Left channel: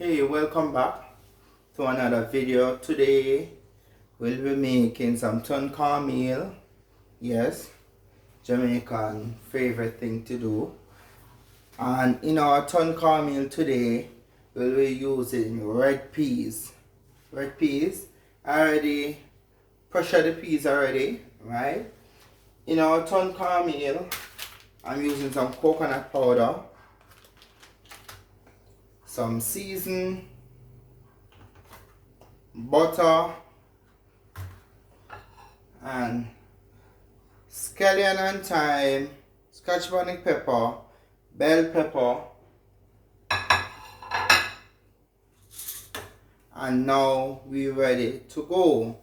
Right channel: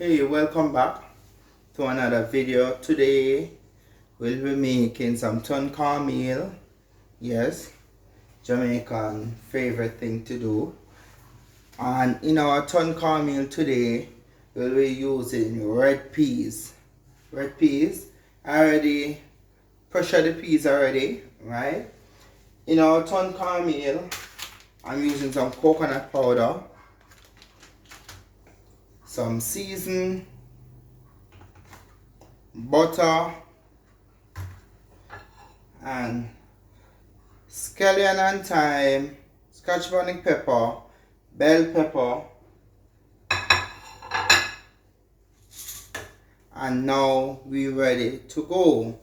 Hey, welcome back to another video. Today we'll be making some cornmeal. Yes, Jamaican favorite thing to do. And in our cornmeal today, we'll be using red peas. Red peas. I already pressure the peas already, right? In our cornmeal, I'm using some coconut powder, some seasoned butter, and scallion and thyme, scotch bonnet pepper, bell pepper, and now we're ready to go.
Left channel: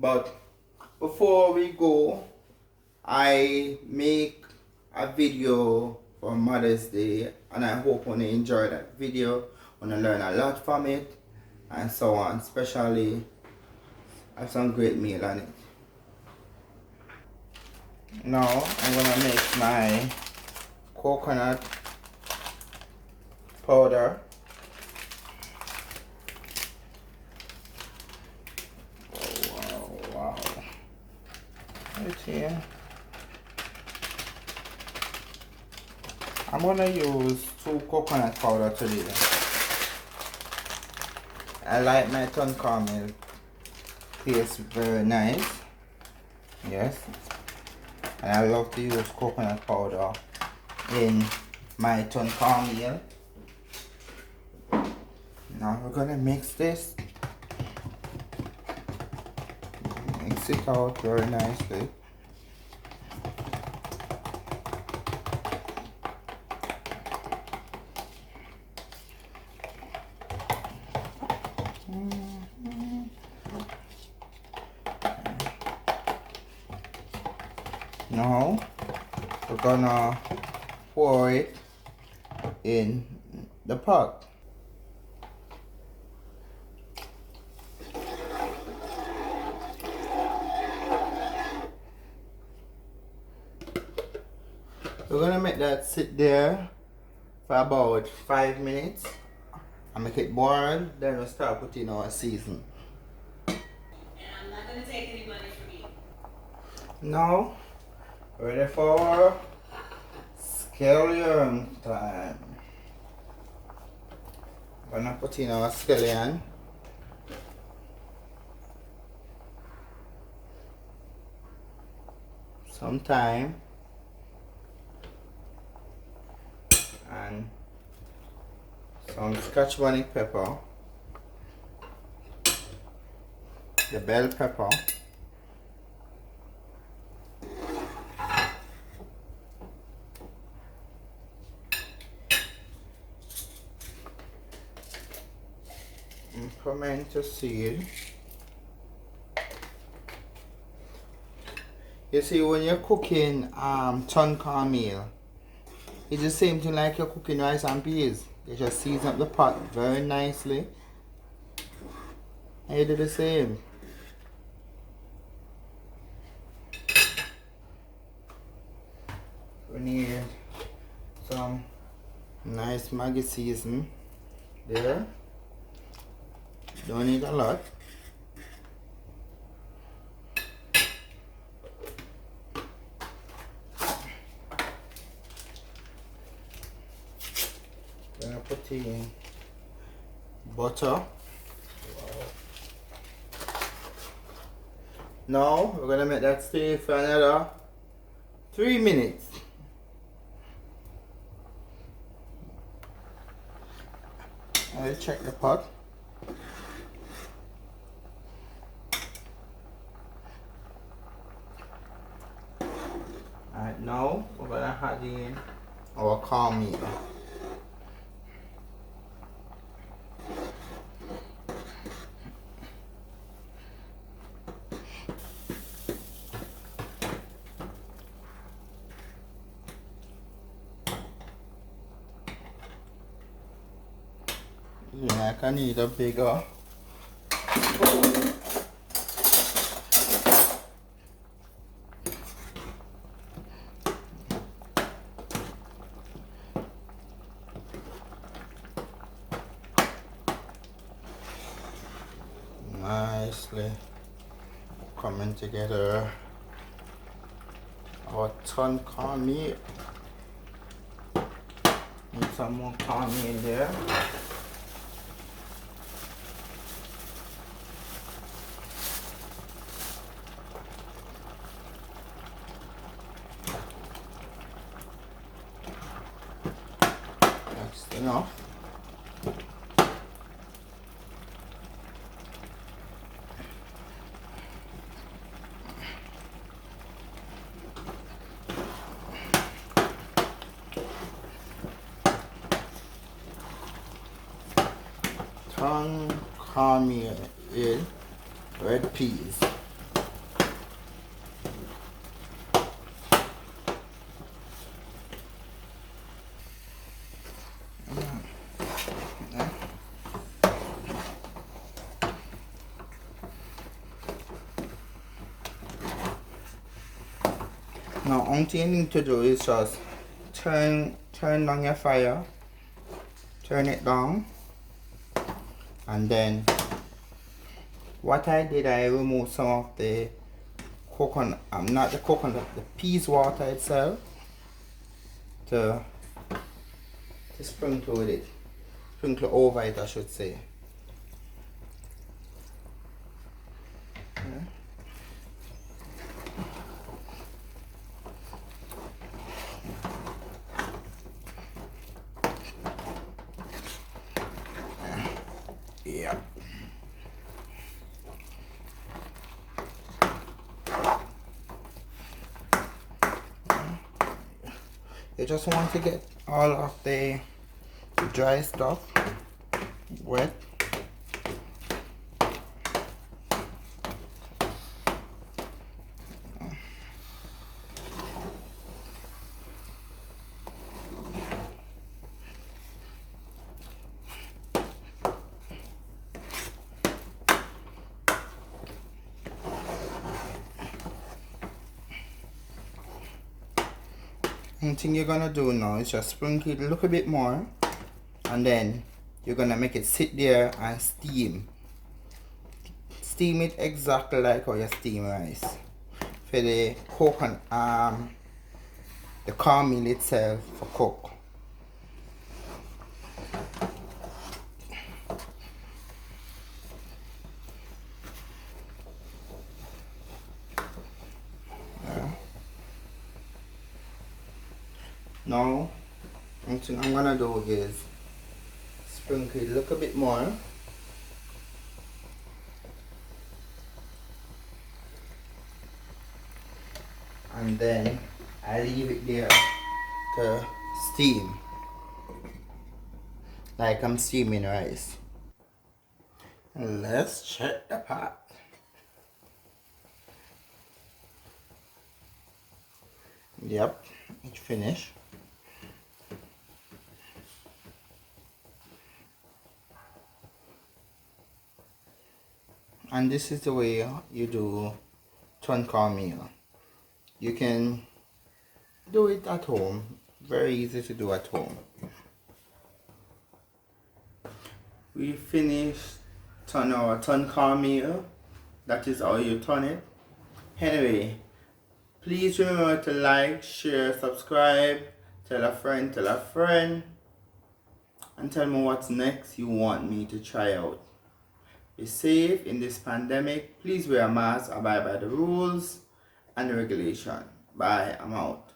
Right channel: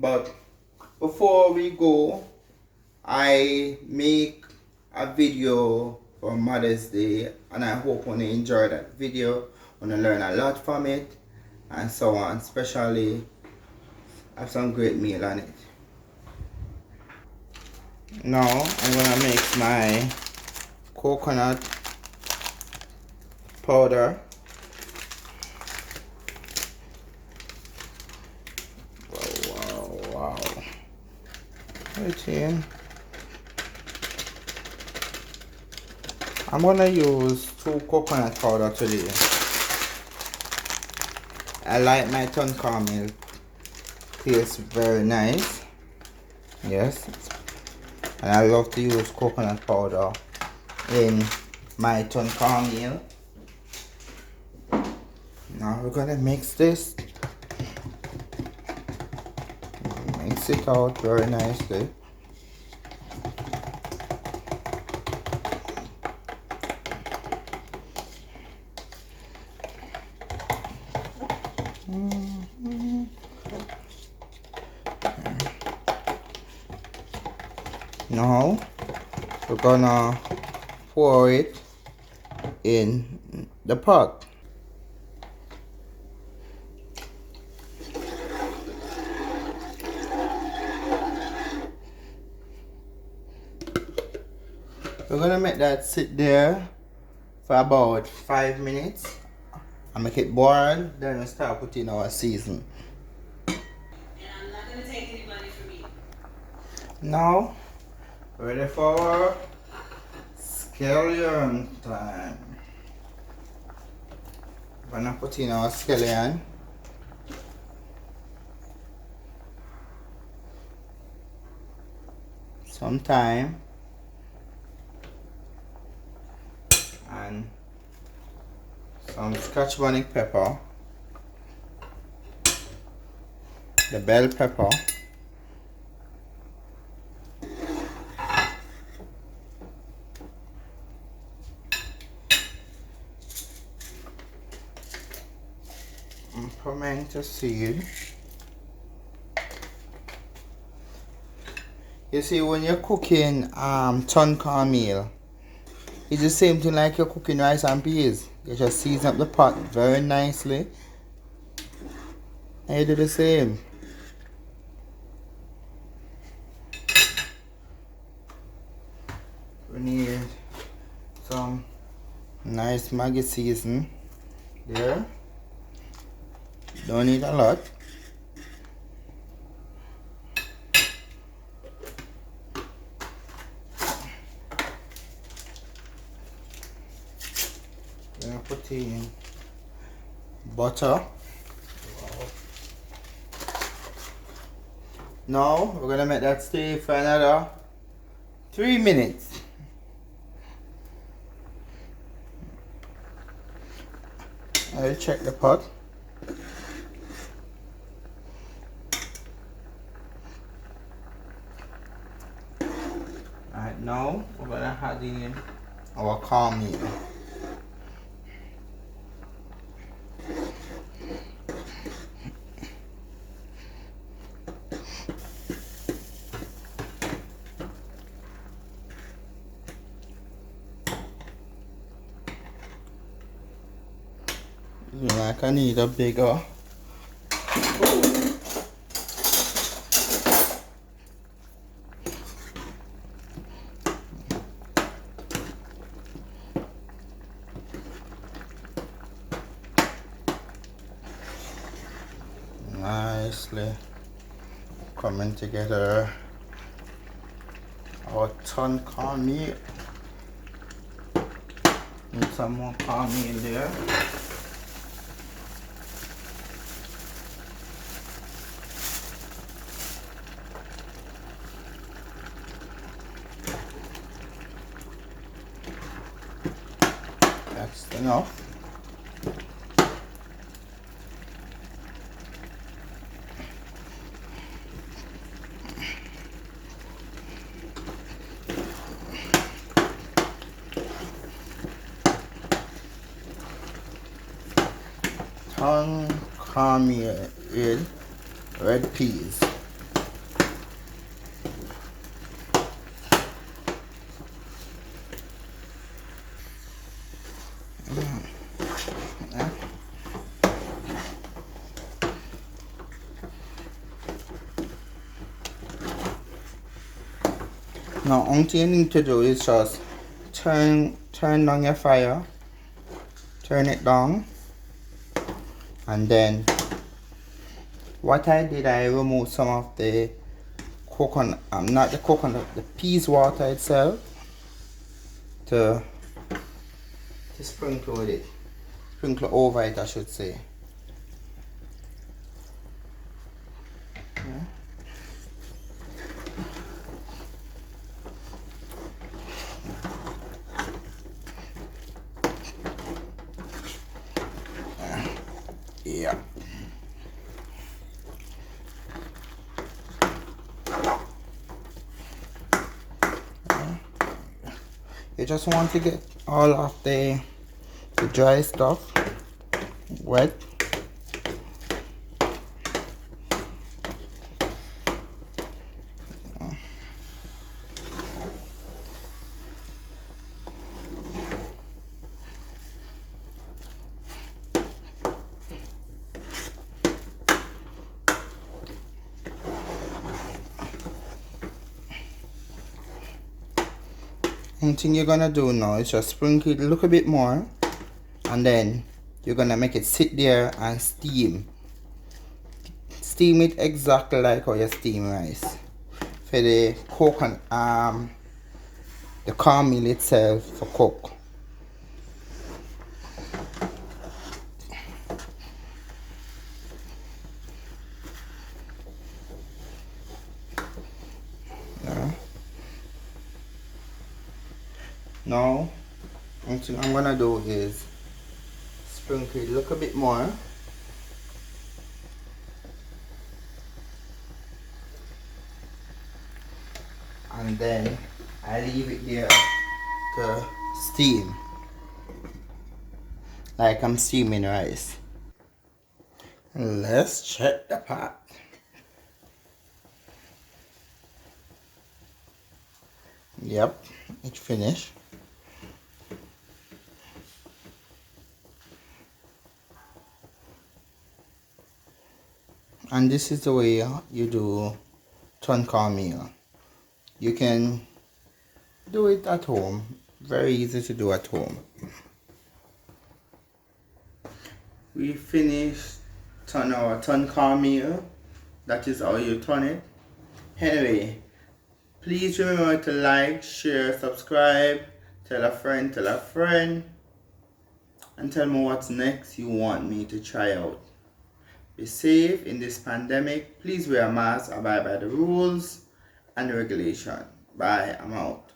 But before we go, I make a video for Mother's Day, and I hope you enjoy that video, you learn a lot from it, and so on. Especially have some great meal on it. Now I'm gonna make my coconut powder. Wow. Right here. I'm gonna use 2 coconut powder today. I like my cornmeal. Tastes very nice. Yes. And I love to use coconut powder in my cornmeal. Now we're gonna mix this. Mix it out very nicely. Now we're gonna pour it in the pot. We're gonna make that sit there for about 5 minutes and make it boil. Then we'll start putting our season. And I'm not gonna take any money from you. Now, ready for scallion time. We're gonna put in our scallion. Some thyme. And some scotch bonnet pepper. The bell pepper. And pimento seed. You see, when you're cooking cornmeal, it's the same thing like you're cooking rice and peas. You just season up the pot very nicely. And you do the same. We need some nice Maggi season there. Don't need a lot. Gonna put in butter. Now we're gonna make that stay for another 3 minutes. I'll check the pot. Alright, now we're gonna add in our cornmeal. Like I need a bigger. nicely coming together. Our ton cornmeal. Need some more cornmeal there. That's enough. Ton cornmeal in red peas. Now, only thing you need to do is just turn down your fire, turn it down, and then what I did, I removed some of the coconut, not the coconut, the peas water itself, to sprinkle with it, sprinkle over it, I should say. Okay. Yeah. You just want to get all of the dry stuff wet. One thing you're gonna do now is just sprinkle it a little bit more, and then you're gonna make it sit there and steam. Steam it exactly like how you steam rice. For the coconut, the cornmeal itself for cook. Now, one thing I'm gonna do is sprinkle it a little bit more. And then I leave it there to steam, like I'm steaming rice. And let's check the pot. Yep, it's finished. And this is the way you do ton cornmeal. You can do it at home. Very easy to do at home. We finished our ton cornmeal. That is how you turn it. Anyway, please remember to like, share, subscribe, tell a friend, and tell me what's next you want me to try out. Be safe in this pandemic. Please wear a mask, abide by the rules and regulation. Bye, I'm out.